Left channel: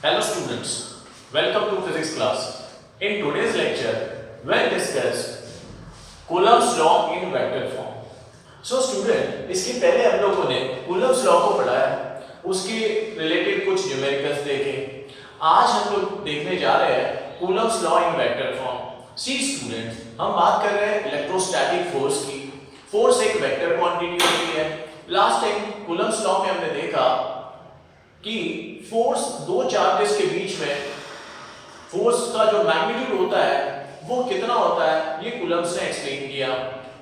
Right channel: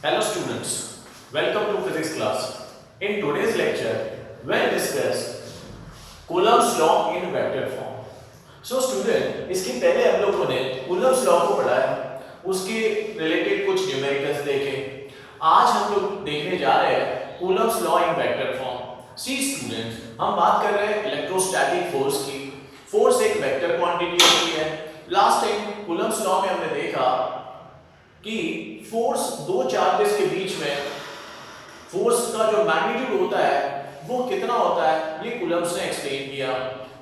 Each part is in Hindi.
Hello students, welcome to physics class. In today's lecture, we'll discuss Coulomb's law in vector form. So student, इसके पहले हम लोगों ने Coulomb's law को पढ़ाया, उसके रिलेटेड कुछ न्यूमेरिकल्स देखे. आज हम लोग देखने जा रहे हैं Coulomb's law in vector form. See students, हम बात कर रहे हैं इलेक्ट्रोस्टैटिक फोर्स की. फोर्स एक वेक्टर क्वांटिटी होती है. लास्ट टाइम Coulomb's law में हमने देखा कि फोर्स दो चार्जेस के बीच में फोर्स का जो मैग्नीट्यूड होता है वो कितना होता है, ये कूलम्ब्स ने एक्सप्लेन किया.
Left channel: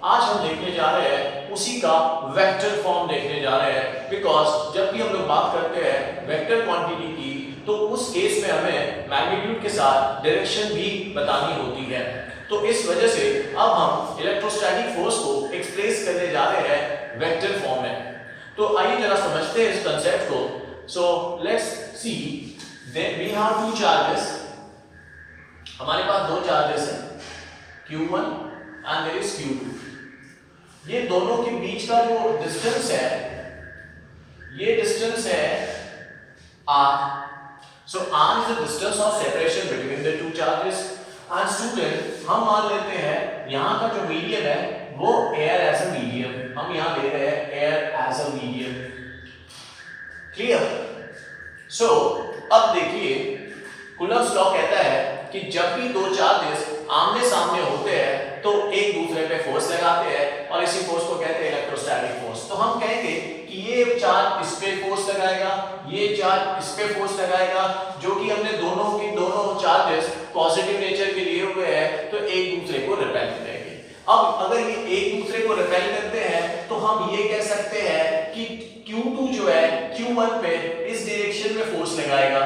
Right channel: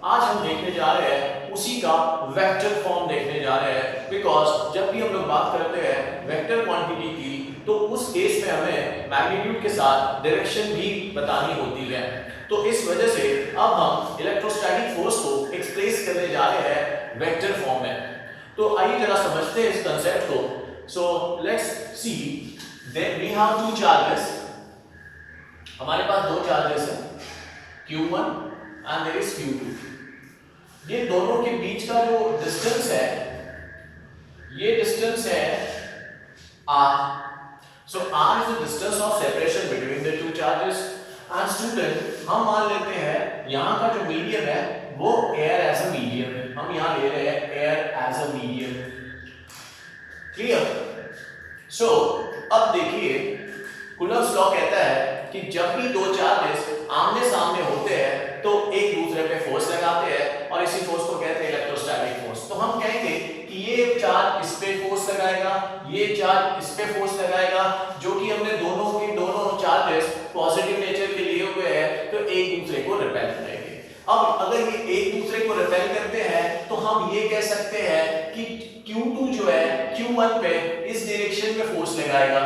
आज हम देखने जा रहे हैं उसी का वेक्टर फॉर्म देखने जा रहे हैं, बिकॉज जब भी हम लोग बात करते हैं वेक्टर क्वांटिटी की तो उस केस में हमें मैग्नीट्यूड के साथ डायरेक्शन भी बतानी होती है. तो इस वजह से अब हम इलेक्ट्रोस्टैटिक फोर्स को एक्सप्रेस करने जा रहे हैं वेक्टर फॉर्म में. तो आइए जरा समझते हैं इस कंसेप्ट को. So let's see that we have two charges. हमारे पास दो चार्जेस हैं Q1 and there is Q2. ये दोनों के बीच का जो डिस्टेंस है ये डिस्टेंस है R. So R is the distance of separation between the two charges. And student हम मान लेते हैं यहाँ का जो मीडियम है वो air as a medium. हम यहाँ ले रहे हैं air as a medium. Clear? So अब देखिए कूलम्ब्स लॉ कहता है कि जब भी दो चार्जेस आमने सामने होते हैं तो एक दूसरे पे फोर्स लगाते हैं और इसी फोर्स को कहते हैं इलेक्ट्रोस्टैटिक फोर्स. तो हम कहेंगे कि ये चार्ज इस पे फोर्स लगाएगा, ये चार्ज इस पे फोर्स लगाएगा, जो कि हमने दोनों चार्जेस पॉजिटिव नेचर के लिए हुए हैं तो एक दूसरे को रिपेल करेंगे. अब अगर ये एक दूसरे को रिपेल करते हैं तो हम ये कह सकते हैं कि Q2 जो है Q1 पे इस डायरेक्शन में फोर्स लगाएगा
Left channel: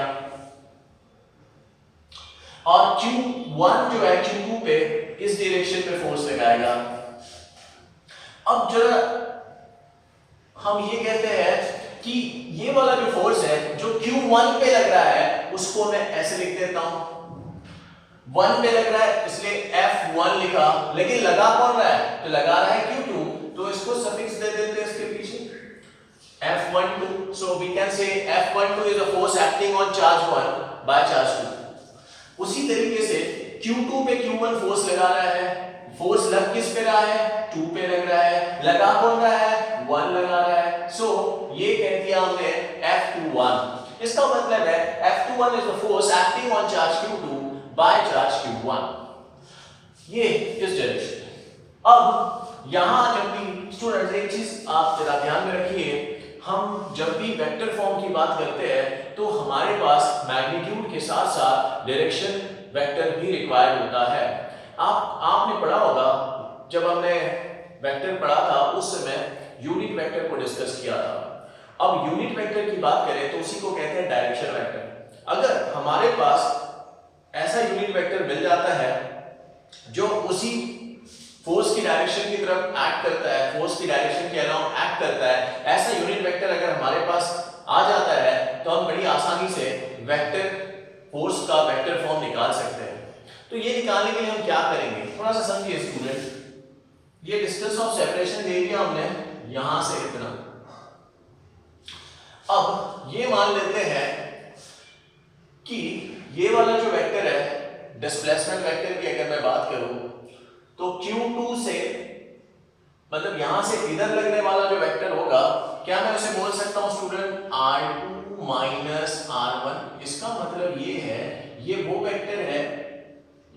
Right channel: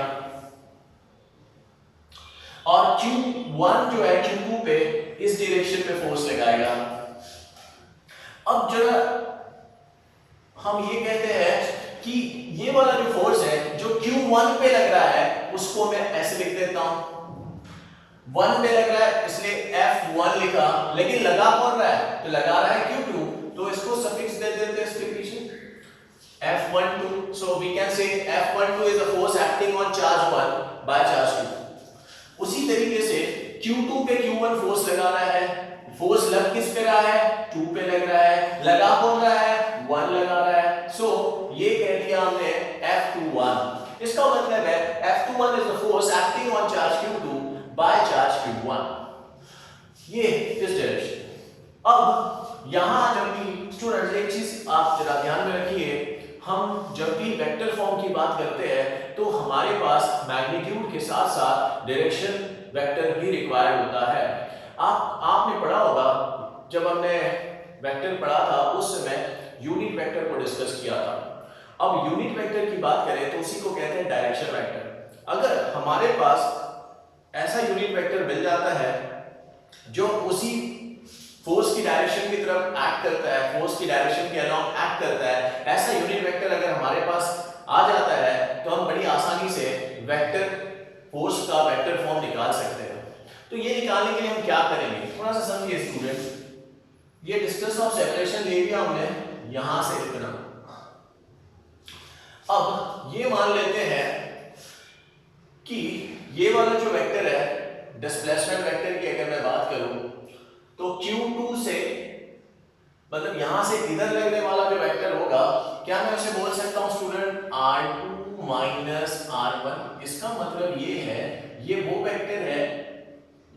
और Q1 जो है Q2 पे इस डायरेक्शन में फोर्स लगाएगा. अब जरा हम ये कहते हैं कि ये वाला जो फोर्स है जो Q1 पे लग रहा है उसको मैं ऐसे लिख देता हूं. 1 पे लग रहा है इसलिए F1 लिखा, लेकिन लगा कौन रहा है? तो लगा रहा है Q2, तो इसको सफिक्स दे देते हैं इसके पीछे F12. so we can say F12 is a force acting on charge 1 by charge 2. उसी तरीके से Q2 पे Q1 फोर्स लगा रहा है. फोर्स लग किस पे रहा है? 2 पे लग रहा है. लगा कौन रहा है? 1 लगा रहा है. सो ये कह दिया हमने F21. इसका मतलब है F21 is the force acting on charge Q2 by charge Q1. ये इस डायरेक्शन. अब यहां जब भी स्टूडेंट्स एक चीज आप जरा ध्यान में रखिए, हम जब भी वेक्टर फॉर्म की बात करते हैं तो हमारे पास मैग्नीट्यूड के साथ साथ डायरेक्शन वेक्टर भी रिक्वायर्ड होता है. आपने पढ़ा होगा जब हमने वेक्टर पढ़ा था उस समय यूनिट वेक्टर को डिस्कस किया था. अब यूनिट वेक्टर की बात करें तो उसी को कहते हैं डायरेक्शन वेक्टर. अगर हमारे पास ऐसा यूनिट वेक्टर मिल जाता है जो उसी फोर्स की डायरेक्शन की तरफ एक्ट करता है, फोर्स की डायरेक्शन के अलाउंग एक्ट करता है, ऐसा यूनिट वेक्टर अगर हमारे पास आ जाता है तो हम बड़ी आसानी से वेक्टर फोर्स का वेक्टर फॉर्म निकाल सकते हैं. तो ये निकालने के लिए हम क्या करेंगे, थोड़ा सा समझिए स्टूडेंट. ये डिस्टेंस ऑफ सेपरेशन ले लिया हमने यहां से इतना. अब ये मान लेते हैं कि ये वाला जो वेक्टर है डिस्प्लेसमेंट वेक्टर की अगर मैं बात करूं तो Q2 से मतलब यहां से इधर लगने वाला जो वेक्टर होगा, क्या मैं उसे बोल सकता हूं स्टूडेंट R2 माइनस R1. इसका मतलब ये है ये वो वेक्टर है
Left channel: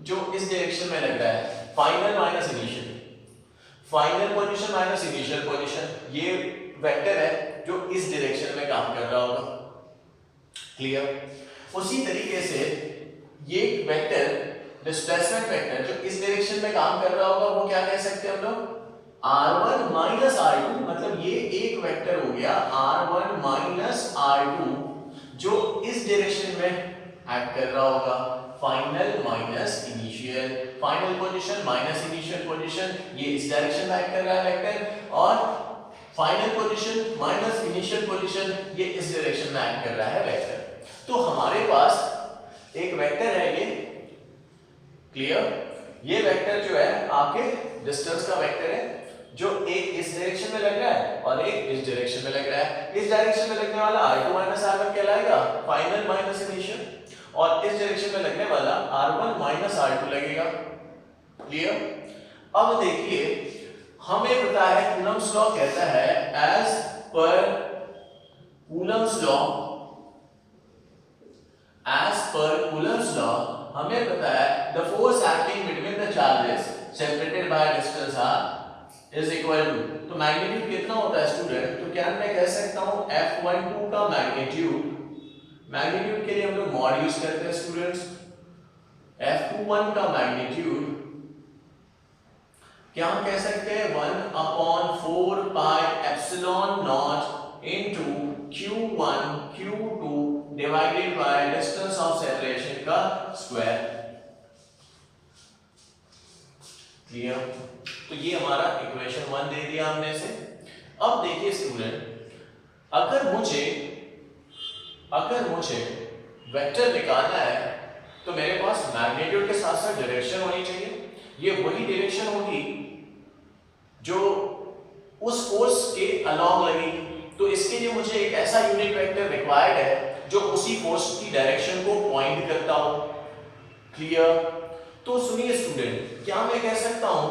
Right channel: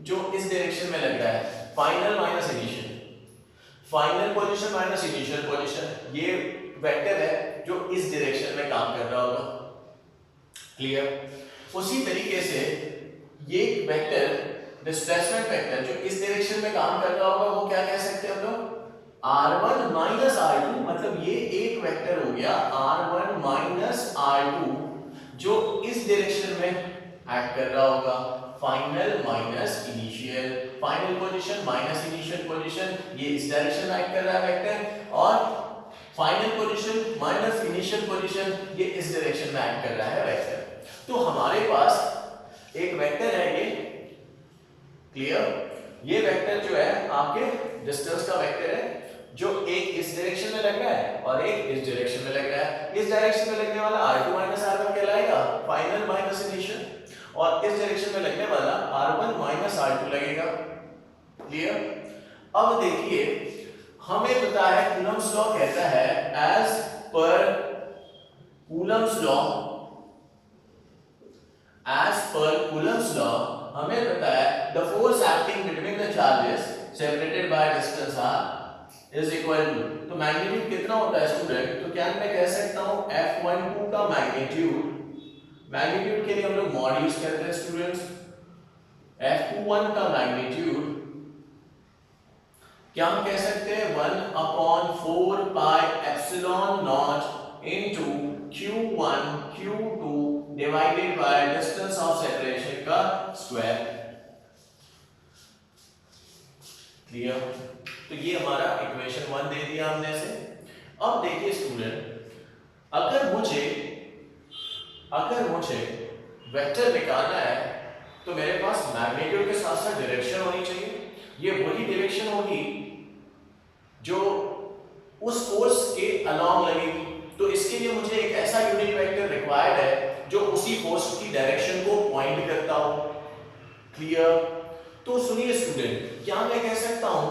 जो इस डायरेक्शन में लग रहा है. Final minus initial, final position minus initial position, ये वेक्टर है जो इस डायरेक्शन में काम कर रहा होगा. क्लियर? उसी तरीके से ये वेक्टर डिस्प्लेसमेंट वेक्टर जो इस डायरेक्शन में काम कर रहा होगा वो क्या कह सकते हैं हम लोग? R1 minus R2. मतलब ये एक वेक्टर हो गया R1 माइनस R2 जो इस डायरेक्शन में एक्ट कर रहा होगा. Final minus initial, final position minus initial position, ये इस डायरेक्शन में एक्ट कर रहा है वेक्टर, और final position minus initial position ये इस डायरेक्शन में एक्ट कर रहा है वेक्टर. तो हमारे पास एक वेक्टर है ये. क्लियर? ये वेक्टर जो है आपके डिस्टेंस का वेक्टर है जो एक इस डायरेक्शन में लग रहा है और एक इस डायरेक्शन में लग रहा है। इस डायरेक्शन में लगने वाला r2 r1 कहलाएगा फाइनल माइनस इनिशियल, और इस डायरेक्शन में लगने वाला r1 r2 लगेगा। क्लियर? अब देखिए हमें पता है कूलम्ब्स लॉ कहता है as per Coulomb's law, as per Coulomb's law हमें पता है the force acting between the charges separated by distance r is equal to, तो मैग्नीट्यूड कितना होता है स्टूडेंट? तो क्या मैं कह सकता हूं F12 का मैग्नीट्यूड के लिए हम लोग मॉड यूज करते हैं स्टूडेंट्स। F21 का मैग्नीट्यूड क्या हम कह सकते हैं 1/4 pi epsilon not into Q1 Q2 divided by distance of separation का स्क्वायर। क्लियर? तो ये हमारा इक्वेशन 1 दे दिया हमने से। अब देखिए स्टूडेंट, अगर मुझे वेक्टर निकालना है तो मेरे पास मैग्नीट्यूड के साथ साथ डायरेक्शन होनी चाहिए। ये वही डायरेक्शन होगी जो उस फोर्स के अलोंग लगेगी। तो इसके लिए मुझे एक ऐसा यूनिट वेक्टर रिक्वायर्ड है जो उसी फोर्स की डायरेक्शन को पॉइंट करता हो। क्लियर? तो सुनिए स्टूडेंट, क्या मैं कह सकता हूं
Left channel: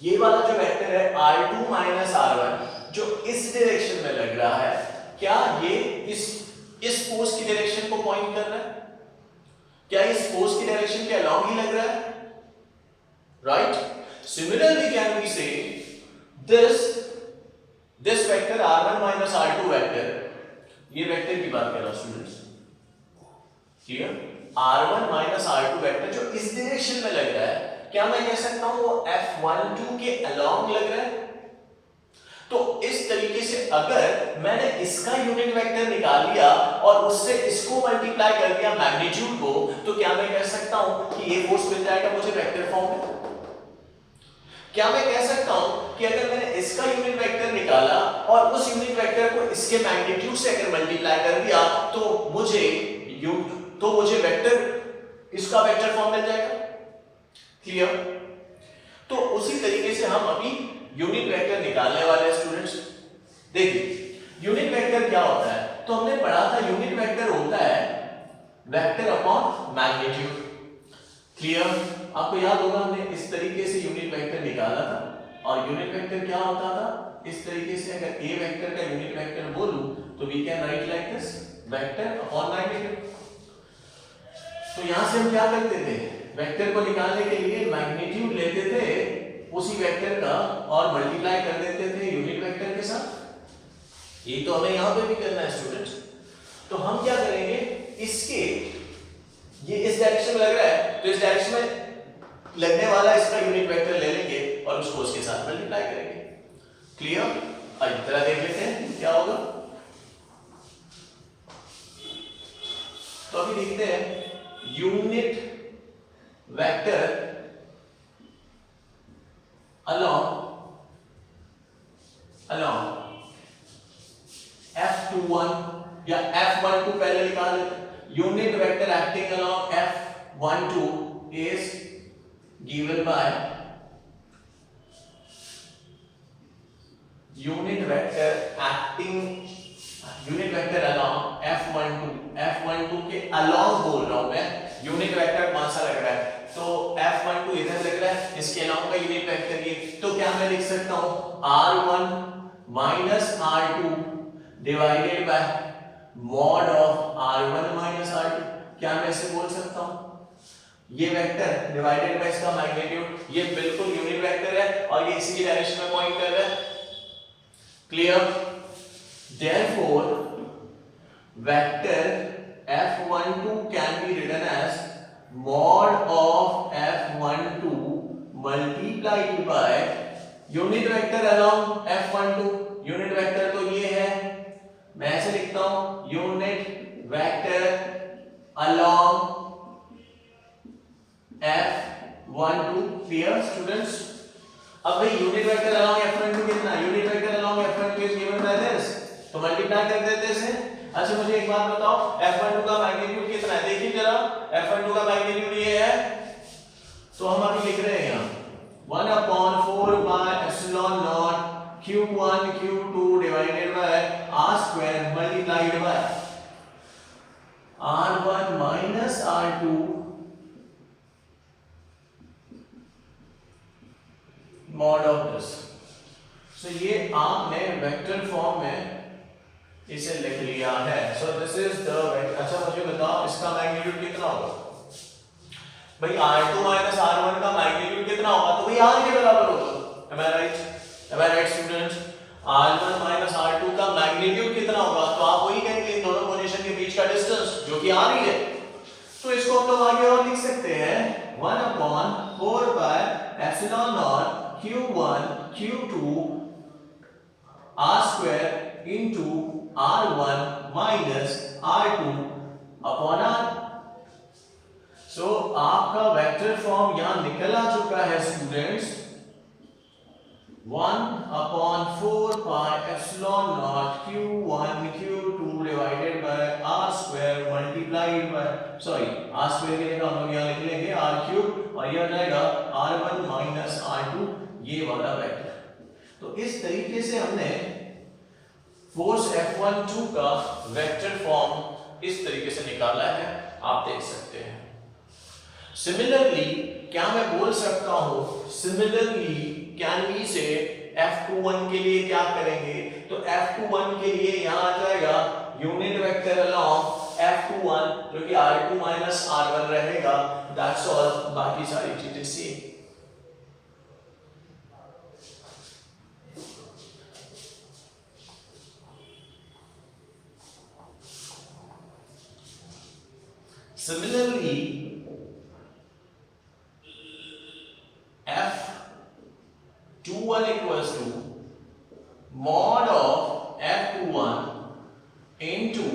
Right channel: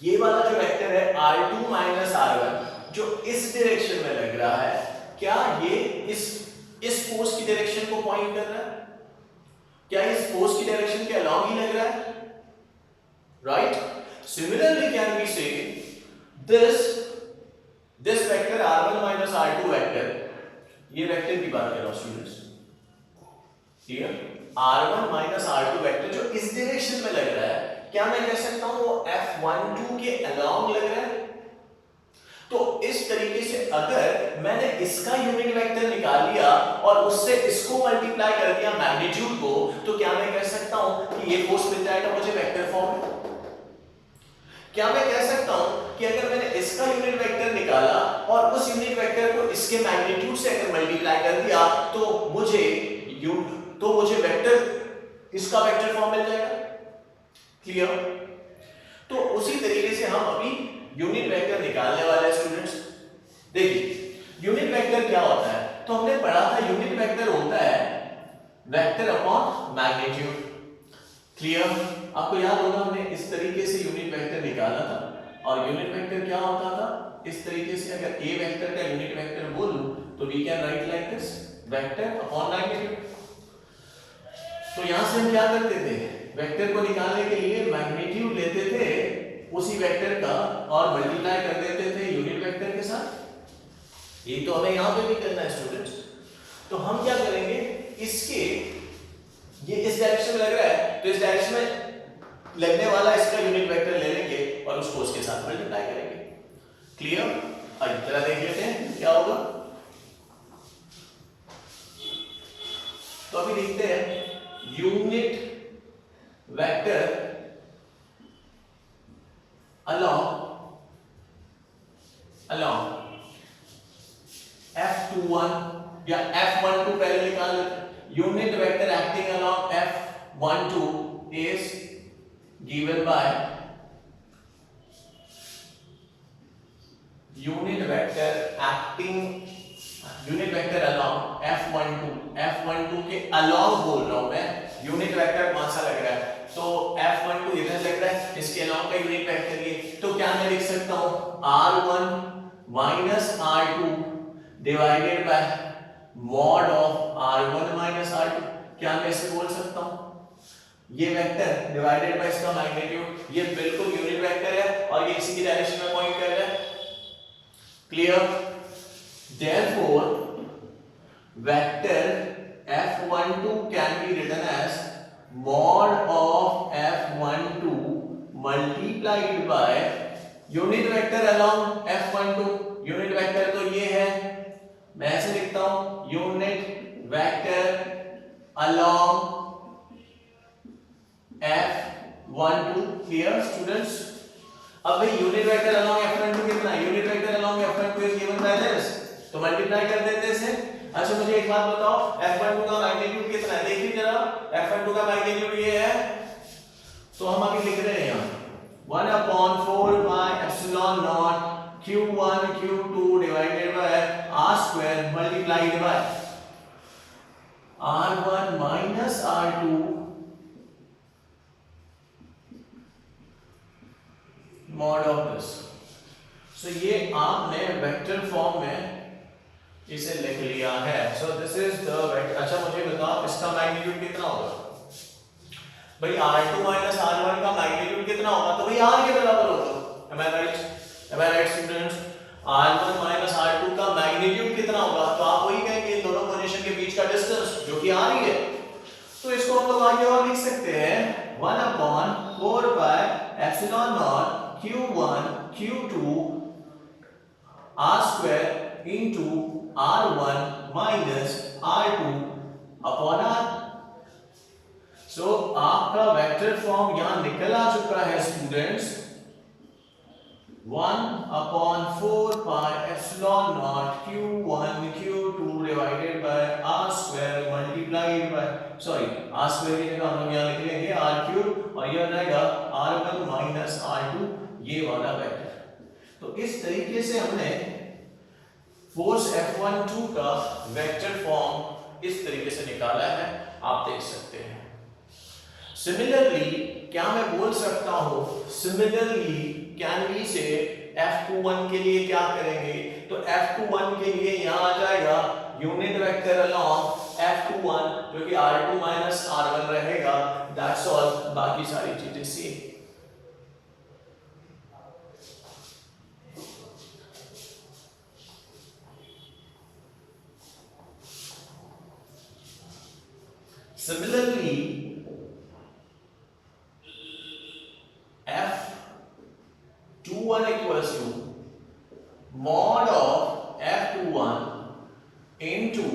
ये वाला जो वेक्टर है r2 r1 जो इस डायरेक्शन में लग रहा है, क्या ये इस फोर्स की डायरेक्शन को पॉइंट कर रहा है? क्या इस फोर्स की डायरेक्शन के अलोंग ही लग रहा है? राइट? सिमिलरली कैन वी से this vector r1 r2 vector, ये वेक्टर की बात कर रहा हूं students. Clear? r1 r2 vector जो इस डायरेक्शन में लग रहा है, क्या मैं कह सकता हूं वो F12 के अलोंग लग रहा है? तो इस तरीके से अगर मैंने इसका यूनिट वेक्टर निकाल लिया और उससे इसको मल्टीप्लाई कर दिया मैग्नीट्यूड को, तो क्या मैं कह सकता हूं कि ये फोर्स मिल जाएगा मुझे वेक्टर फॉर्म में? क्या मैं कह सकता हूं कि अगर मैंने इसका यूनिट वेक्टर निकाला और उस यूनिट वेक्टर को इसके मैग्नीट्यूड से अगर मल्टीप्लाई कर दिया तो मुझे वेक्टर इसका वेक्टर फॉर्म मिल जाएगा? क्लियर? तो उसी तरीके से हम अभी यूनिट वेक्टर निकालने वाले हैं स्टूडेंट्स। देखिए यूनिट वेक्टर क्या होता है, तो हमने पढ़ा था यूनिट वेक्टर होता है वेक्टर अपॉन मैग्नीट्यूड। क्लियर? आपको याद होगा हमने इस तरीके से यूनिट वेक्टर निकाला था, और यूनिट वेक्टर क्या होता था इस तरीके से। अगर a वेक्टर का यूनिट वेक्टर बोलूं तो we can write like this vector upon magnitude. तो यहां से हम क्या करते थे, वेक्टर को निकालने के लिए मैग्नीट्यूड लेते थे उसी वेक्टर का और मल्टीप्लाई कर देते थे यूनिट वेक्टर के साथ। ये तो हमें यहां पे भी करना है स्टूडेंट्स। तो हम क्या करेंगे, इसके ये इस डायरेक्शन में लग रहा है तो इस डायरेक्शन में लगने वाला इसका यूनिट वेक्टर ले लेंगे और उसको उसके साथ मल्टीप्लाई करेंगे। क्लियर? अब इस तरह देख लेते हैं क्या होगा। तो अभी देखते हैं यूनिट वेक्टर along F21 या F12 पहले निकाल लेते हैं। Unit vector acting along F12 is given by unit vector along F12 के along बोल रहा हूं मैं। यूनिट वेक्टर कौन सा लग रहा है, तो F12 इधर लग रहा है, इसके along का यूनिट वेक्टर ये। तो क्या मैं लिख सकता हूं R1 minus R2 divided by mod of R1 minus R2। क्या मैं इसे बोल सकता हूं ये वेक्टर डिवाइडेड बाय इसका मैग्नीट्यूड, ये बिल्कुल यूनिट वेक्टर है और ये इसी की डायरेक्शन में पॉइंट कर रहा है। Clear? Therefore vector F12 can be written as mod of F12 multiplied by unit vector along F12। Unit vector तो ये है, मैं ऐसे लिखता हूं unit vector along F12। Clear students? अब भाई यूनिट वेक्टर along F12 कितना है, unit vector along F12 is given by this, तो मल्टीप्लाई कर देते हैं इसे। अच्छा मुझे एक बात बताओ F12 का मैग्नीट्यूड कितना है, देखिए जरा F12 का मैग्नीट्यूड ये है, तो हम अभी लिख रहे हैं यहाँ 1/4 q1 q2 divided by r square multiplied by r1 minus r2 mod of this। सो ये आपने वेक्टर फॉर्म में इसे लिख लिया है। So this is the vector. अच्छा मुझे बताओ इसका मैग्नीट्यूड कितना होगा भाई? r2 माइनस r1 का मैग्नीट्यूड कितना होगा? तो भाई r के बराबर होगा। am I right students? r1 minus r2 का मैग्नीट्यूड कितना होगा? तो आप वही कहेंगे इन दोनों पोजीशन के बीच का डिस्टेंस जो कि r ही है। तो इसको हम लोग आगे और लिख सकते हैं 1/4 pi epsilon naught q1 q2 r square into r1 minus r2 upon r। सो आपका वेक्टर फॉर्म यहां निकल आ चुका है students. 1/4 pi epsilon naught q1 q2 divided by r square multiplied by r square की जगह हम लोग यहाँ लिख लेंगे r cube और यह हो जाएगा r1 minus r2 ये वाला वेक्टर। तो इस तरीके से हमने फोर्स F12 का वेक्टर फॉर्म इस तरीके से निकाला है, आप देख सकते हैं। सिमिलरली क्या मैं बोल सकता हूं, सिमिलरली कैन वी से F21 के लिए क्या करेंगे? तो F21 के लिए यहां आ जाएगा यूनिट वेक्टर अलोंग F21 जो कि R2 माइनस R1 रहेगा। दैट्स ऑल, बाकी सारी चीजें same. Similarly, F21 equals to mod of F21 into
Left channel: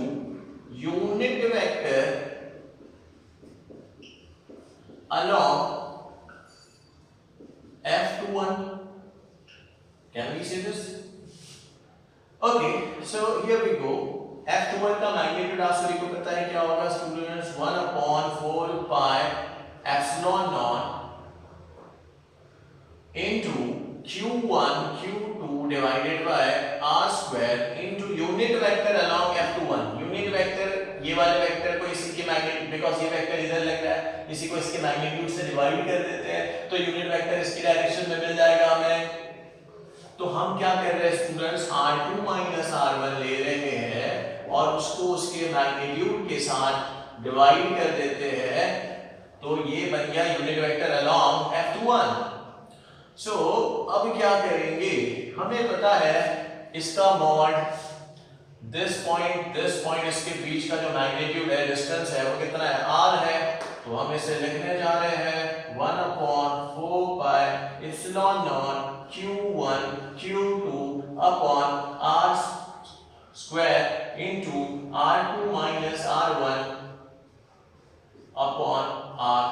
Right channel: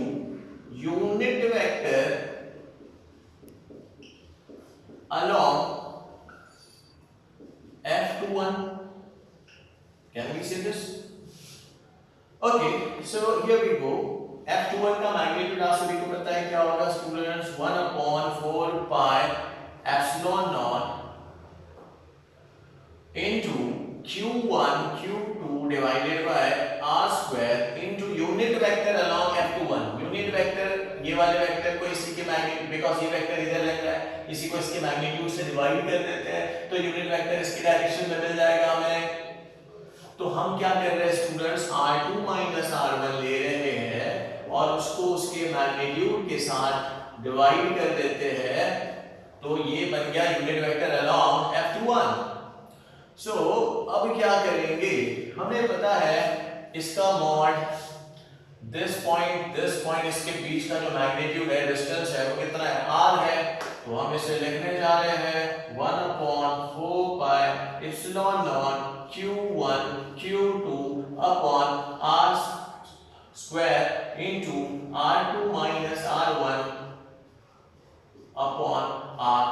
unit vector along F21. Can we say this? Okay, so here we go. F21 का मैग्नीट्यूड आप सभी को पता है क्या होगा students? 1/4 pi epsilon naught into q1 q2 divided by r square into unit vector along F21। Unit vector ये वाले वेक्टर को इसी के मैग्नीट्यूड, बिकॉज़ ये वेक्टर इधर लग रहा है, इसी को इसके मैग्नीट्यूड से डिवाइड कर देते हैं तो यूनिट वेक्टर इसकी डायरेक्शन में मिल जाएगा हमें। तो हम क्या कर रहे हैं स्टूडेंट्स? r2 माइनस r1 ले रहे हैं और उसको उसके मैग्नीट्यूड के साथ डिवाइड कर देते हैं, तो ये बन गया यूनिट वेक्टर अलोंग F21। सो अब क्या करेंगे? हमें पता है इसका मॉड दिस पॉइंट इसके बीच का जो मैग्नीट्यूड है, डिस्टेंस है, वो कितना है? r है। तो हम इसे लिखने जा रहे हैं 1/4 pi epsilon naught q1 q2 upon r square into r2 minus r1 upon r।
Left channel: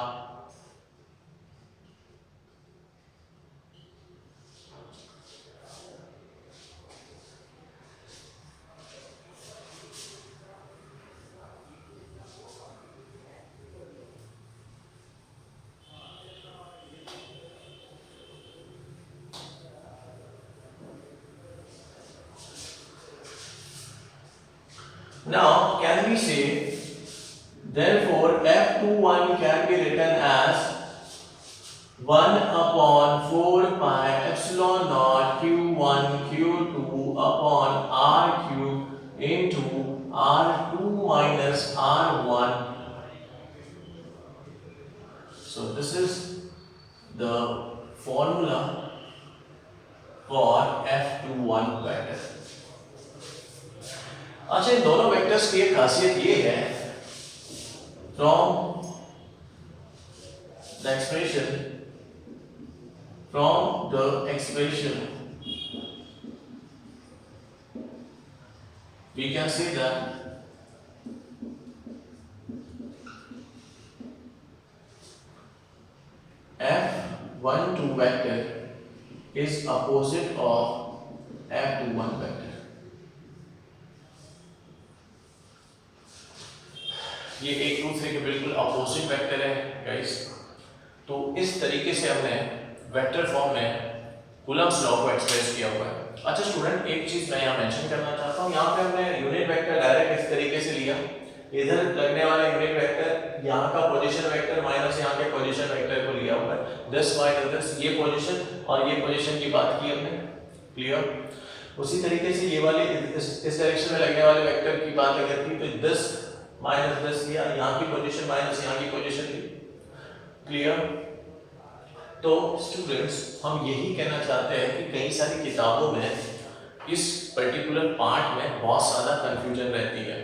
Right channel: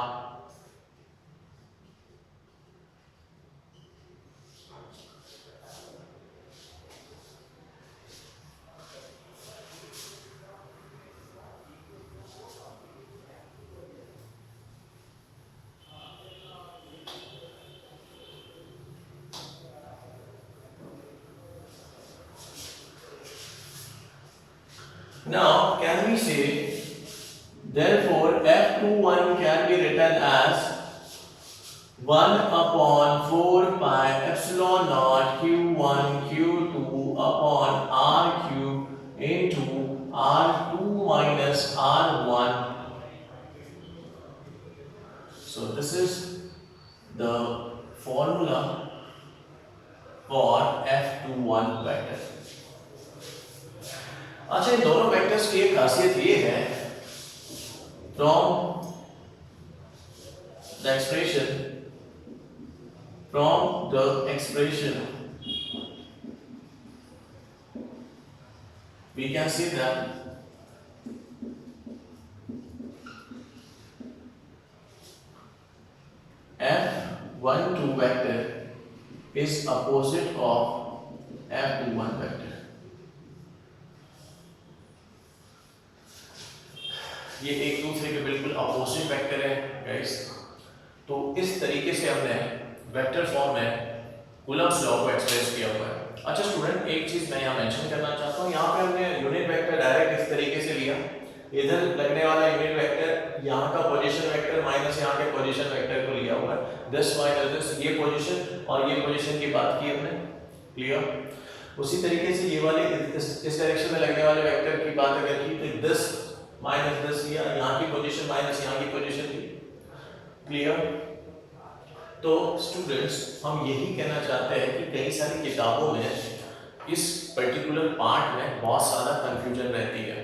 Now can we say therefore F21 can be written as 1/4 pi epsilon naught q1 q2 upon r cube into r2 minus r1। So this is the formula for F21 vector। अच्छा, इन दोनों वेक्टर्स की एक खासियत ये है, from the expression we can see that F12 vector is opposite of F21 vector। ये एक दूसरे के बिल्कुल अपोजिट वेक्टर है गाइस। तो इस तरीके से हमने वेक्टर फॉर्म में कूलम्ब्स लॉ को एक्सप्रेस किया हुआ है। अच्छा स्टूडेंट, एक चीज मैं यहाँ मेंशन करना चाहता हूँ, यहाँ पे हमने यूनिट वेक्टर डायरेक्ट इस तरीके से लिया, इधर लगने वाला यूनिट वेक्टर यहाँ का पोजीशन वेक्टर माइनस यहाँ के पोजीशन वेक्टर को लिया हुआ है, दिस माइनस दिस, ये पोजीशन और ये पोजीशन की बात की हमने, क्लियर। उसी तरीके से ये वाले इस डायरेक्शन में लगने वाले वेक्टर की बात अगर की तो दिस माइनस दिस, यहाँ की पोजीशन माइनस यहाँ की पोजीशन थी, क्लियर। तो स्टूडेंट्स हम यही कहना चाहते हैं कि कई सारी किताबों में इस पर्टिकुलर पार्ट में बहुत ज़्यादा कंफ्यूजन रहती है।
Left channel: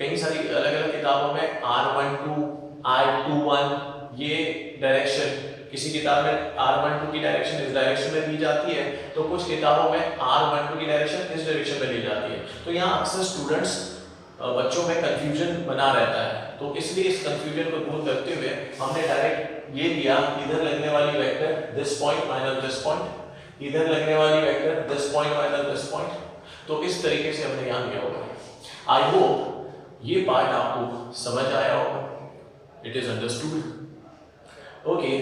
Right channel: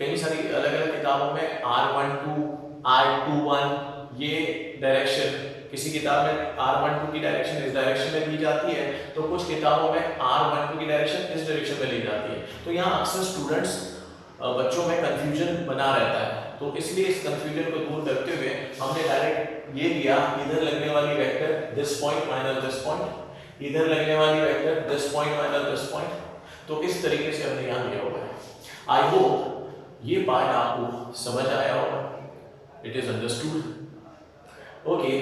कई सारी अलग अलग किताबों में R12 R21 ये डायरेक्शन, किसी किताब में R12 की डायरेक्शन इस डायरेक्शन में ली जाती है, तो कुछ किताबों में R12 की डायरेक्शन इस डायरेक्शन में ली जाती है। तो यहाँ अक्सर स्टूडेंट्स बच्चों में कंफ्यूजन बना रहता है, तो इसलिए इस कंफ्यूजन को दूर करते हुए हमने डायरेक्ट ये लिया, इधर लगने वाली vector this point minus this point, इधर लगने वाली vector this point minus this point, तो इस तरीके से हमने यहाँ लिया हुआ है। आई होप ये पार्ट आपको समझ आया होगा, इट इज अंडरस्टूड। ओके,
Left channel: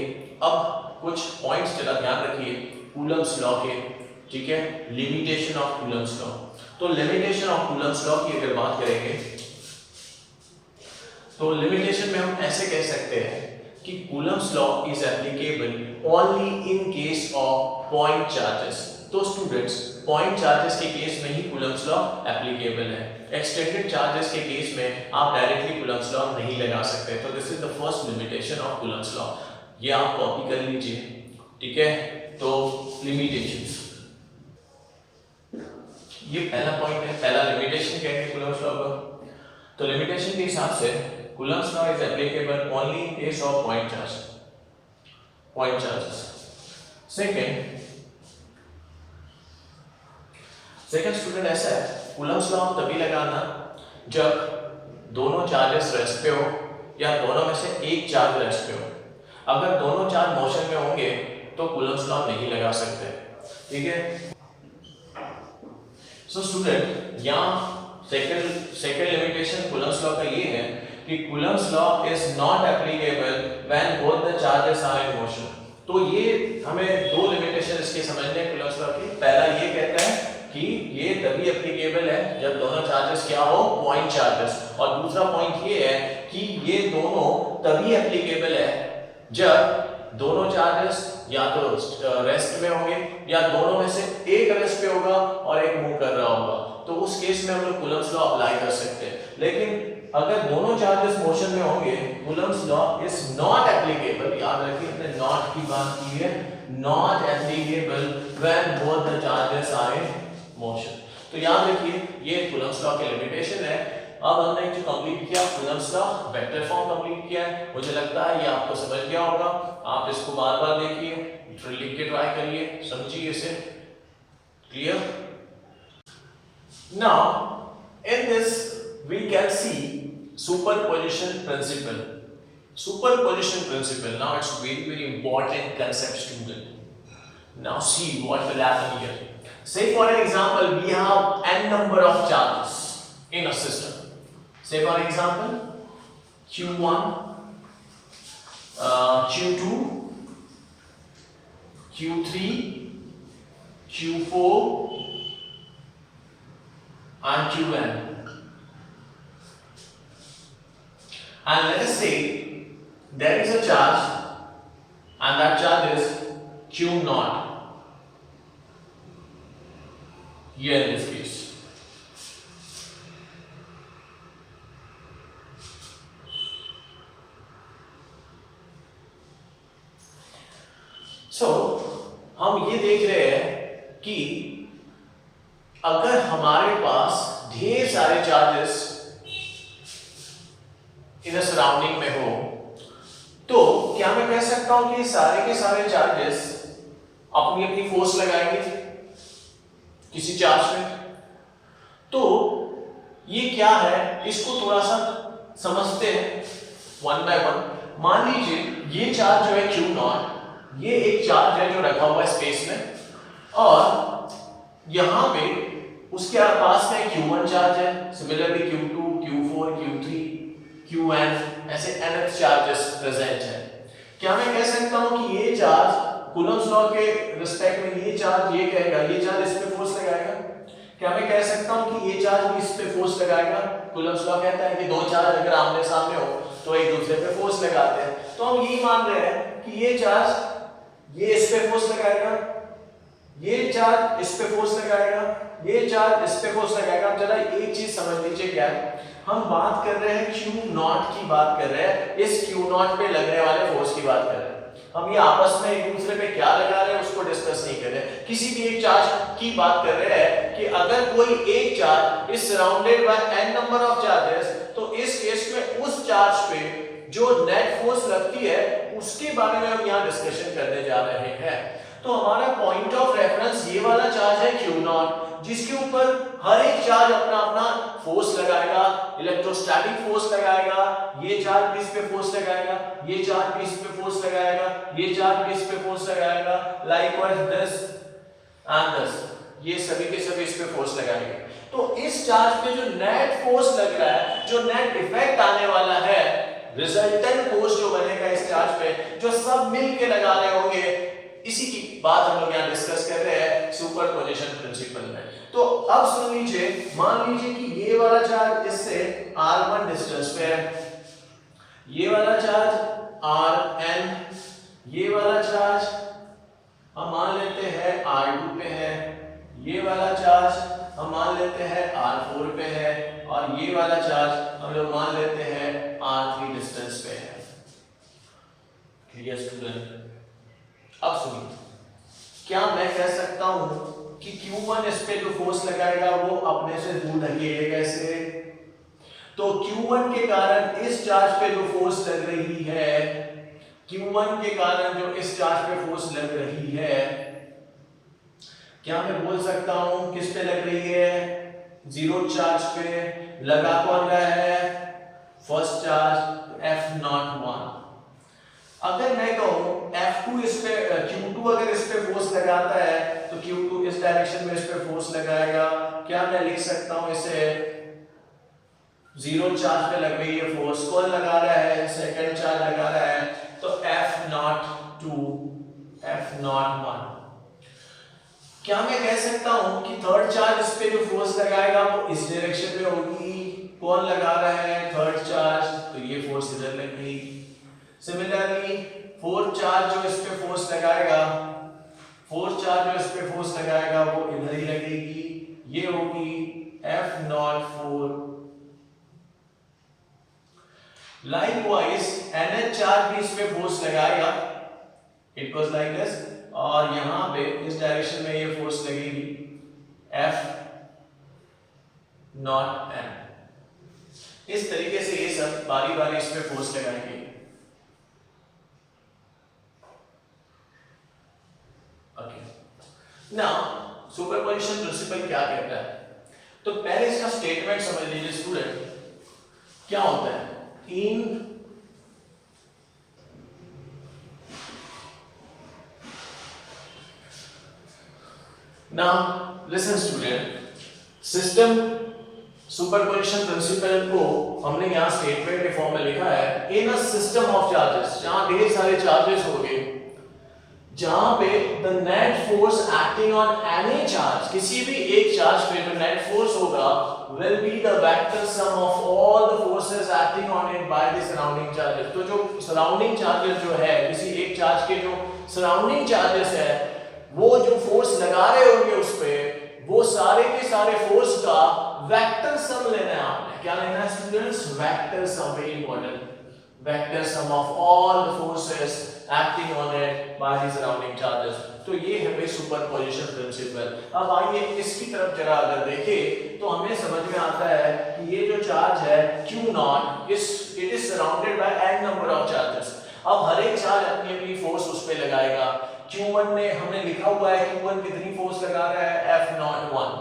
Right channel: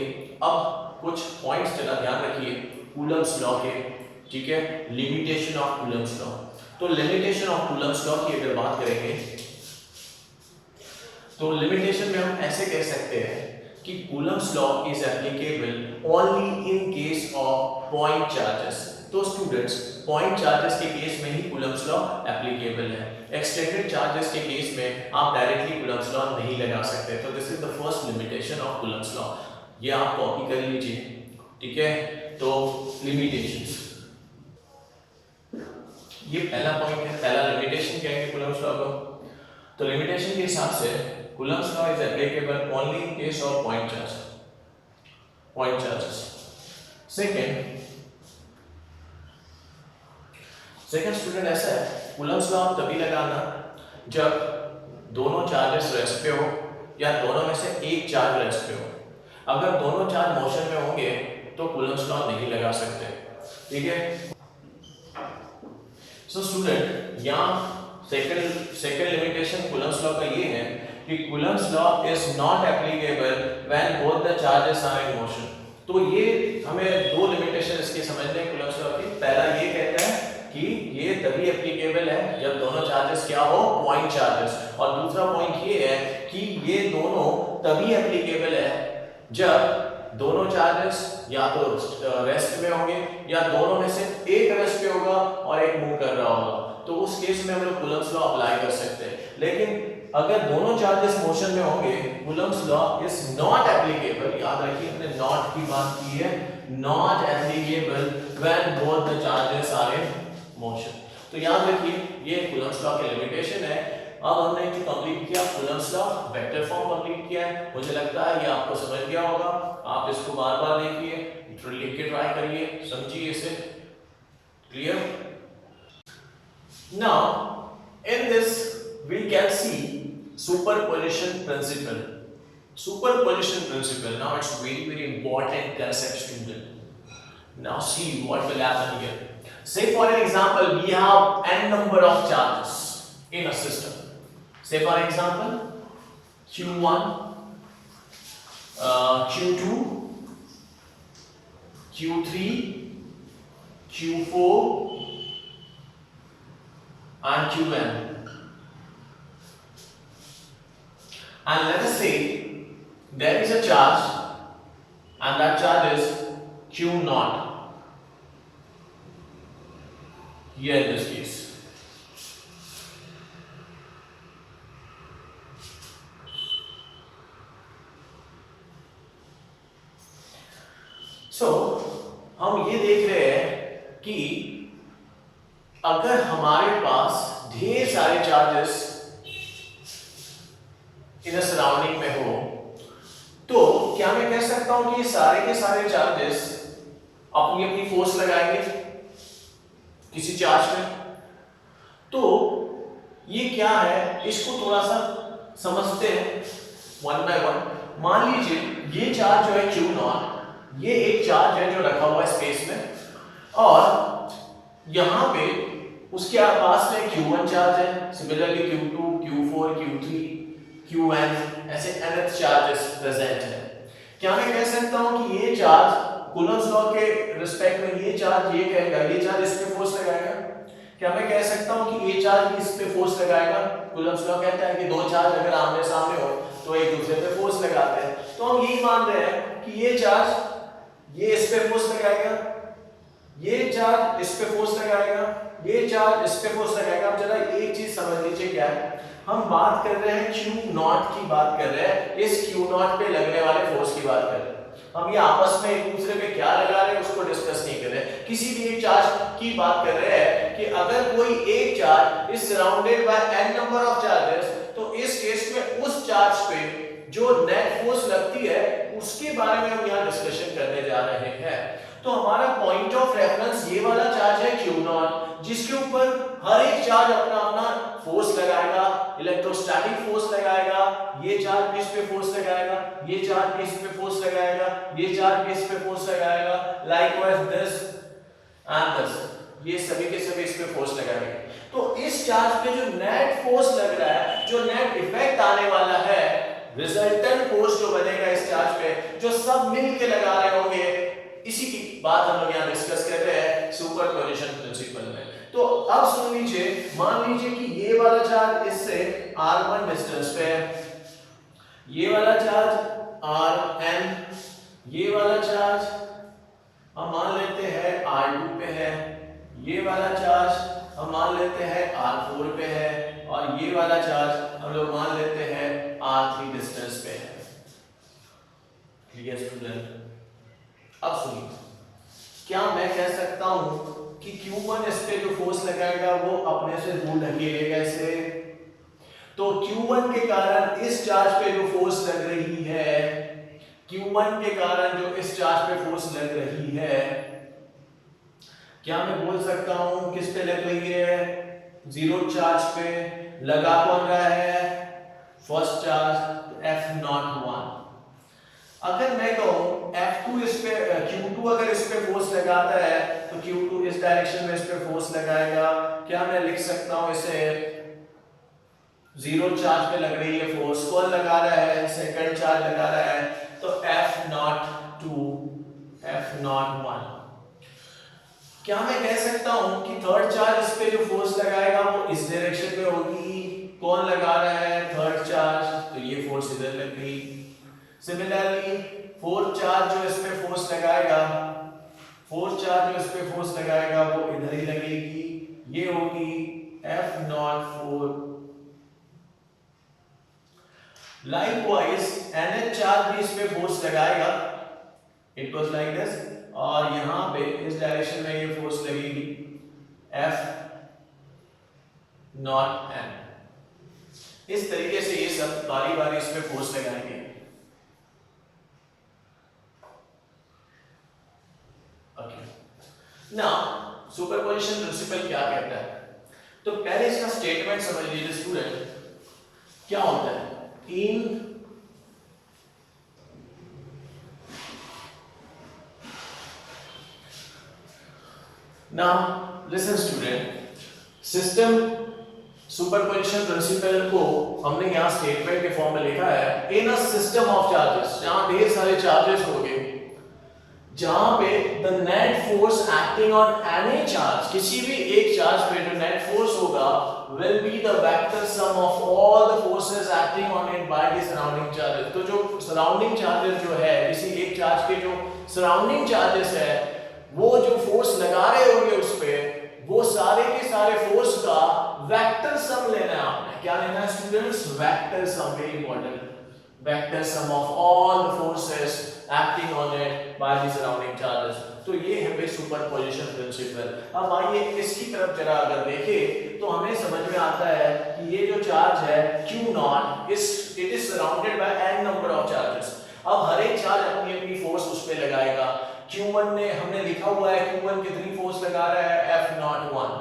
अब कुछ पॉइंट्स जरा ध्यान रखिए कूलम्ब्स लॉ के, ठीक है, लिमिटेशन ऑफ कूलम्ब्स लॉ। तो लिमिटेशन ऑफ कूलम्ब्स लॉ की अगर बात करेंगे तो लिमिटेशन में हम ऐसे कह सकते हैं कि Coulomb's law is applicable only in case of point charges. तो स्टूडेंट्स पॉइंट चार्जेस के केस में ही कूलम्ब्स लॉ एप्लीकेबल है, एक्सटेंडेड चार्जेस के केस में आप डायरेक्टली कूलम्ब्स लॉ नहीं लगा सकते। तो this is the first limitation of Coulomb's law, ये आप कॉपी कर लीजिए, ठीक है। तो लिमिटेशंस, ये पहला पॉइंट है, पहला लिमिटेशन कहेंगे कूलम्ब्स लॉ का। तो लिमिटेशन के हिसाब से Coulomb's law is applicable only in case of point charges. Second student ऐसा है, कूलम्ब्स लॉ तभी लगाना जब दोनों चार्जेस रेस्ट पे हो या दोनों में से एक चार्ज रेस्ट पे हो। अगर दोनों चार्ज मोशन में होंगे तो कूलम्ब्स लॉ नहीं लगा सकते, ठीक है। सो स्टूडेंट यहाँ सेकंड लिमिटेशन कूलम्ब्स लॉ का ये है कि Coulomb's law is not applicable when both the charges are in motion. तो ये हमें दो लिमिटेशन इसके समझने हैं कूलम्ब्स लॉ की। पहला ये कहता है कि ये तभी एप्लीकेबल है जब दोनों चार्जेस क्या हो, पॉइंट चार्जेस, और दूसरा पॉइंट ये है कि ये दोनों तभी एप्लीकेबल है जब दोनों चार्जेस या तो रेस्ट में होंगे या दोनों में से एक रेस्ट पे होगा और एक मूव कर रहा होगा, तो उस केस में हम लोग कूलम्ब्स लॉ अप्लाई कर सकते हैं। लेकिन अगर दोनों चार्जेस मोशन में होंगे, Coulomb's law is not applicable. याद रखिए हमने नॉट की बात की है, not applicable when both the charges are in motion. तो याद रखिए ये कूलम्ब्स लॉ की लिमिटेशन है। अब हमने जो कंप्लीट किया Coulomb's law, vector form complete किया है। मुझे लगता है ये आपको समझ गया होगा। आप इसको बार-बार देखिए, लिख के ट्राई करिए, समझिए इसे, clear. Now in this we can see superposition principle. Superposition principle, now it's very important concept student. Now see what will happen here. Say for an example we have n number of charges in a system. Say for example Q1, Q2, Q3, Q4 and Qn. And let us say there is a charge and that charge is Q naught here in this case. So हम ये देख रहे हैं कि अगर हमारे पास ढेर सारे चार्जेस इन सराउंडिंग में हो तो क्या मैं कह सकता हूं कि सारे के सारे चार्जेस अपनी अपनी फोर्स लगाएंगे किसी चार्ज में। तो ये क्या है, इसको थोड़ा सा समझते हैं वन बाय वन। मान लीजिए ये चार्ज जो है Q नॉट, ये एक चार्ज है जो रखा हुआ है स्पेस में, और यहां पे उसके पास में Q1 चार्ज है, similarly Q2, Q4, Q3, Qn, ऐसे nth चार्जेस प्रेजेंट है। क्या मैं कह सकता हूं कि ये चार्ज कूलम्स लॉ के रिस्पेक्ट में ये चार्ज ये कहेगा, ये चार्ज इस पे फोर्स लगाएगा। क्या मैं कह सकता हूं कि ये चार्ज भी इस पे फोर्स लगाएगा? कूलम्स लॉ कहता है कि दो चार्ज अगर आमने सामने हो तो एक दूसरे पे फोर्स लगाते हैं। तो हम ये मान रहे हैं कि ये चार्ज ये इस पे फोर्स लगाएगा, ये चार्ज इस पे फोर्स लगाएगा, ये चार्ज इस पे फोर्स लगाएगा। अब जरा एक चीज समझ लीजिए, क्या है, हम बात कर रहे हैं Q नॉट की बात कर रहे हैं, इस Q नॉट पे लगने वाले फोर्स की बात कर रहे हैं। हम ये आपस में एक दूसरे पे क्या लगा रहे हैं उसको डिस्कस नहीं कर रहे, किसी भी एक चार्ज की बात कर रहे हैं कि अगर कोई एक charge is surrounded by n number of charges, तो इस केस में उस चार्ज पे जो नेट फोर्स लगती है उसके बारे में हम यहाँ डिस्कशन करने जा रहे हैं। तो हमारा पॉइंट ऑफ रेफरेंस ये वाला चार्ज है Q नॉट, जिसके ऊपर हर एक चार्ज अपना अपना फोर्स लगाएगा, इलेक्ट्रोस्टैटिक फोर्स लगाएगा, ये चार्ज भी इस पे फोर्स लगाएगा, ये चार्ज भी इस पे फोर्स लगाएगा, ये चार्ज भी इस पे फोर्स लगाएगा, लाइकवाइज दिस एंड दिस, ये सभी के सभी इस पे फोर्स लगाएंगे। तो इस चार्ज पे जो नेट फोर्स लग रहा है, जो नेट इफेक्ट आने वाला है, रिजल्टेंट फोर्स जो बनेगा इस चार्ज पे, जो सब मिल के लगा रहे होंगे, इसी की बात हम लोग यहाँ डिस्कस कर रहे हैं सुपरपोजिशन प्रिंसिपल में। तो अब सुन लीजिए, मान लीजिए कि ये वाला चार्ज इससे r1 डिस्टेंस पे है, ये वाला चार्ज rn, ये वाला चार्ज हम मान लेते हैं r2 पे है, ये वाला चार्ज हम मान लेते हैं r4 पे है, और ये वाला चार्ज हम लोग मान लेते हैं r3 डिस्टेंस पे है। Clear student? अब सुनिए, क्या मैं कह सकता हूं कि Q1 इस पे जो फोर्स लगाएगा वो अपने से दूर लगेगा कैसे? तो Q1 के कारण इस चार्ज पे जो फोर्स लग रही है, Q1 के कारण जो इस चार्ज पे फोर्स लग रही है, क्या मैं बोल सकता हूं किस पे लग रही है? जीरो चार्ज पे। लगा कौन रहा है? First charge F01। अगर मैं कहूं F2 इस पे, Q2 अगर इस पे फोर्स लगाता है तो Q2 इस डायरेक्शन में इस पे फोर्स लगाएगा। क्या मैं लिख सकता हूं इसे जीरो चार्ज पे लग रही है फोर्स, कौन लगा रहा है? सेकंड चार्ज लगा रहा है, तो F02 F01। क्या मैं कह सकता हूं कि थर्ड चार्ज इस पे जो फोर्स लगाएगा वो इस डायरेक्शन में होगी, कौन लगा रहा है? थर्ड चार्ज, तो ये फोर्स इधर लग गई। सिमिलरली फोर्थ चार्ज जो इस पे फोर्स लगाएगा, फोर्थ चार्ज जो इस पे फोर्स लगाएगा वो इधर ही लगेगी, ये होगी F04। लाइकवाइज NH चार्ज भी इस पे फोर्स लगाएगा, इट वाज लाइक दिस, और यहां पे इस डायरेक्शन में ये फोर्स लगेगी F0n। इस तरीके से ये सब बारी बारी इस पे फोर्स लगाएंगे। नाउ सुपरपोजिशन प्रिंसिपल क्या कहता है? तो पहले इसका स्टेटमेंट समझ लीजिए स्टूडेंट, क्या होता है? In now listen student, system superposition principle को हमने यहां स्टेटमेंट के फॉर्म में लिखा है, इन अ सिस्टम ऑफ चार्जेस, जहां ढेर सारे चार्जेस होंगे, जहां पे the net force acting on any charge, किसी भी एक चार्ज पे जो नेट फोर्स होगा will be the vector sum of all the forces acting on it by the surrounding charges। तो जो सराउंडिंग चार्जेस जो है, किसी एक चार्ज के जो सराउंडिंग चार्जेस है, वो जो फोर्स लगा रहे होंगे उस पे, वो सारे के सारे फोर्स का वेक्टर सम लेना है आपने। क्या लेना है students? Vector sum, very important, vector sum of all the forces acting on it by the surrounding charges. तो ये है बे सुपरपोजिशन प्रिंसिपल। अब आइए इसकी तरफ जरा अगर देखें तो हमें समझ में आता है कि ये जो चार्ज है Q not, it is surrounded by n number of charges. अब हर एक चार्ज अपनी अपनी फोर्स उस पे लगाएगा। Q1 ने हमने लिखा हुआ है, Q1 कितनी फोर्स लगा रहा है? F01।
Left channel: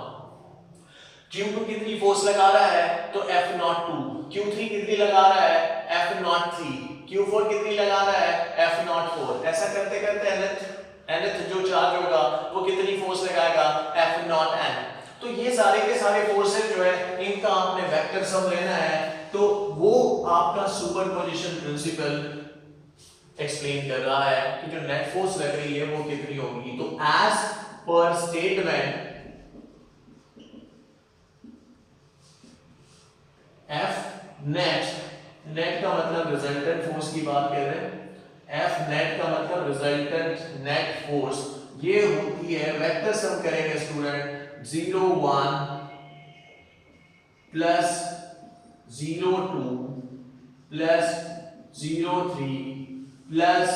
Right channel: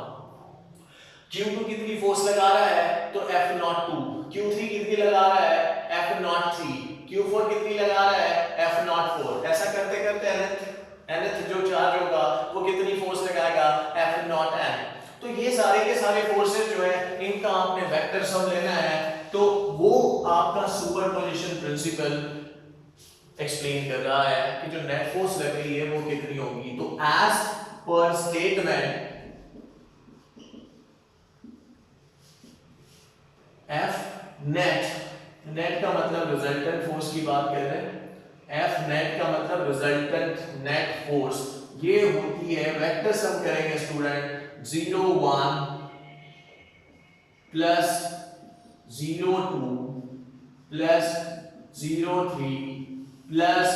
Q2 कितनी फोर्स लगा रहा है? तो F02। Q3 कितनी लगा रहा है? F03। Q4 कितनी लगा रहा है? F04। ऐसा करते करते nth जो चार्ज होगा वो कितनी फोर्स लगाएगा? F0n। तो ये सारे के सारे फोर्सेस जो है इनका आपने वेक्टर सम लेना है। तो वो आपका सुपरपोजिशन प्रिंसिपल एक्सप्लेन कर रहा है कि जो नेट फोर्स लग रही है वो कितनी होगी। तो as per statement F net का मतलब रिजल्टेंट फोर्स की बात कर रहे हैं। एफ नेट का मतलब रिजल्टेंट नेट फोर्स, ये होती है, वेक्टर सम करेंगे student, 0 1 plus 0 2 plus 0 3 plus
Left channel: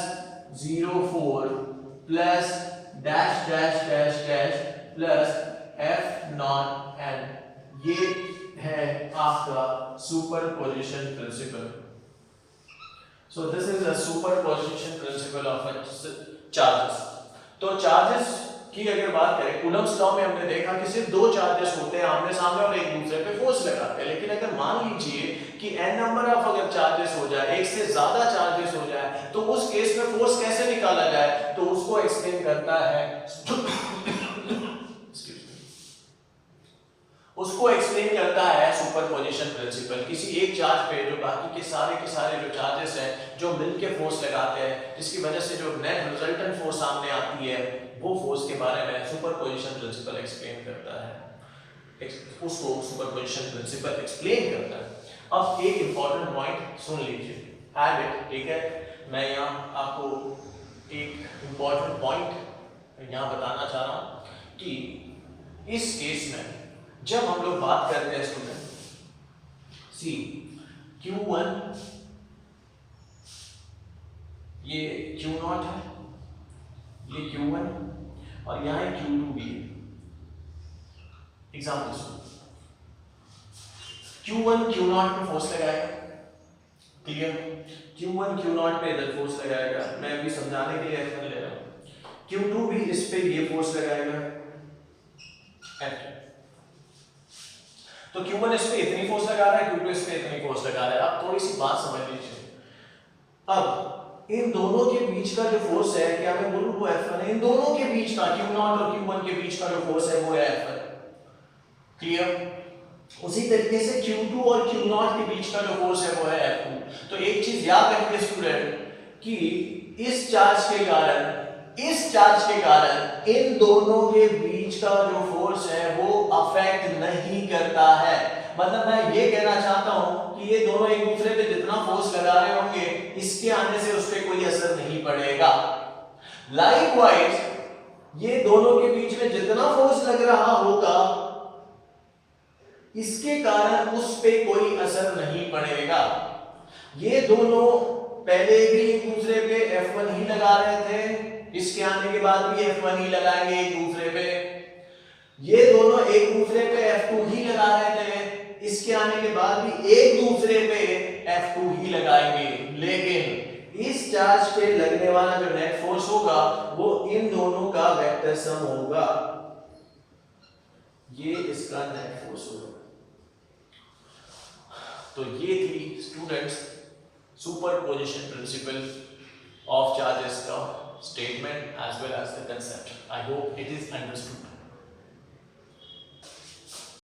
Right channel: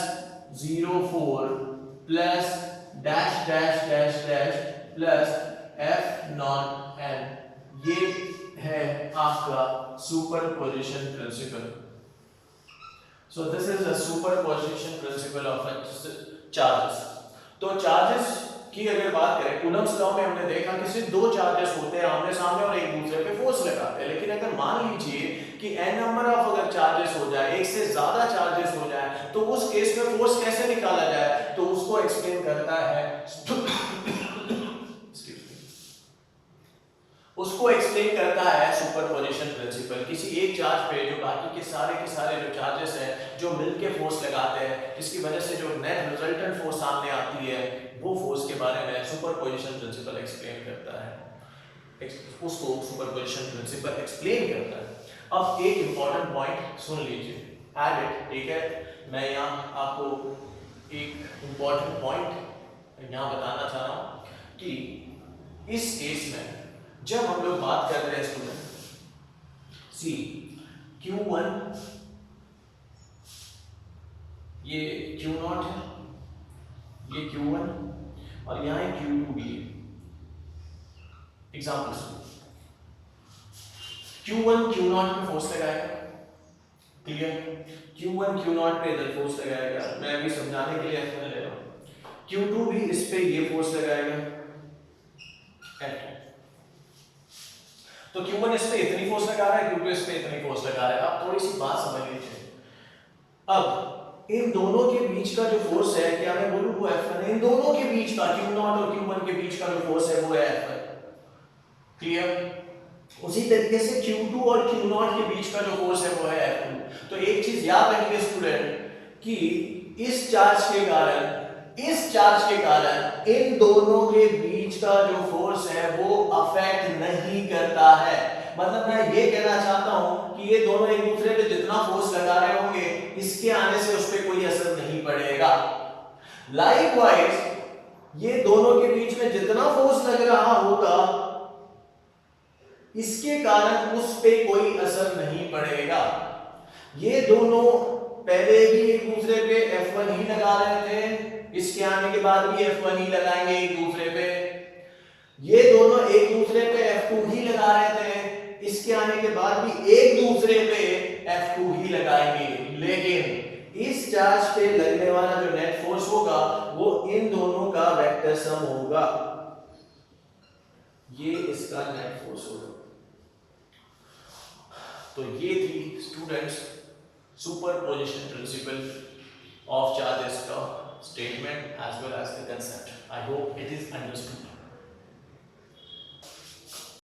0 4 plus dash dash dash dash plus F not an. ये है आपका superposition principle. So this is the superposition principle of charges. तो चार्जेस की अगर बात करें, कूलम्ब्स लॉ में हमने देखा कि सिर्फ दो चार्जेस होते हैं आमने सामने और एक दूसरे पे फोर्स लगाते हैं। लेकिन अगर मान लीजिए कि n नंबर ऑफ अगर चार्जेस हो जाए, एक से ज्यादा चार्जेस हो जाए, तो उस केस में फोर्स कैसे निकाला जाए, तो उसको एक्सप्लेन करता है उसको एक्सप्लेन करता है सुपरपोजिशन प्रिंसिपल। किसी एक चार्ज पे जो बाकी के सारे जो चार्जेस हैं जो मिलके फोर्स लगाते हैं, जिसकी वजह से जो नेट रिजल्टेंट फोर्स सामने आती है, वो फोर्स के बारे में सुपरपोजिशन प्रिंसिपल एक्सप्लेन करता है, उसको सुपरपोजिशन प्रिंसिपल एक्सप्लेन करता है। अब एक इंपॉर्टेंट पॉइंट सुन लीजिए, ऐड इट, ठीक है। मैं यहाँ आपको एक इंपॉर्टेंट पॉइंट यहाँ बताना चाह रहा हूँ कि इस केस में जब हम लोग बात करते हैं स्टूडेंट, सी Q1 ये Q0 है, ये Q1 और यहाँ एक Q2 भी है। एग्जाम्पल Q1 Q0 पे फोर्स लगाएगा, क्लियर। Q1 Q0 पे इधर फोर्स लगाएगा, मैं अभी समझाने के लिए F1 ले रहा हूँ। Q2 भी इस पे ये फोर्स लगाएगा F2। तो Q1 इस पे इतनी फोर्स लगा रहा है, Q2 इस पे इतनी फोर्स लगा रहा है। अब थोड़ी सी बात समझ लीजिए, अब इन दोनों के बीच का जो फोर्स है, क्या मैं बोलूं वो F1 है। इन दोनों के बीच का Q0 और Q1 के बीच का जो फोर्स है वो है F1, क्लियर। उसी तरीके से Q2 और Q0 के बीच का जो फोर्स है वो है F2। तो एक चीज याद रखिए स्टूडेंट कि इस चार्ज के कारण इन दोनों के बीच का जो फोर्स है वो अफेक्ट नहीं करता है। मतलब मैं ये कहना चाहता हूं कि ये दोनों एक दूसरे पे जितना फोर्स लगा रहे होंगे, इसके आने से उस पर कोई असर नहीं पड़ेगा। लाइकवाइज ये दोनों के बीच में जितना फोर्स लग रहा होगा, इसके कारण उस पे कोई असर नहीं पड़ेगा। ये दोनों पहले भी एक दूसरे पे F1 ही लगा रहे थे, इसके आने के बाद भी F1 ही लगाएंगे एक दूसरे पे। ये दोनों एक दूसरे पे F2 ही लगा रहे थे, इसके आने के बाद भी एक दूसरे पे F2 ही लगाएंगे। लेकिन इस चार्ज पे लगने वाला जो नेट फोर्स होगा वो इन दोनों का वेक्टर सम होगा, ये इसका नेट फोर्स होगा। तो ये थी students superposition principle of charges का statement as well as the concept. I hope it is understood.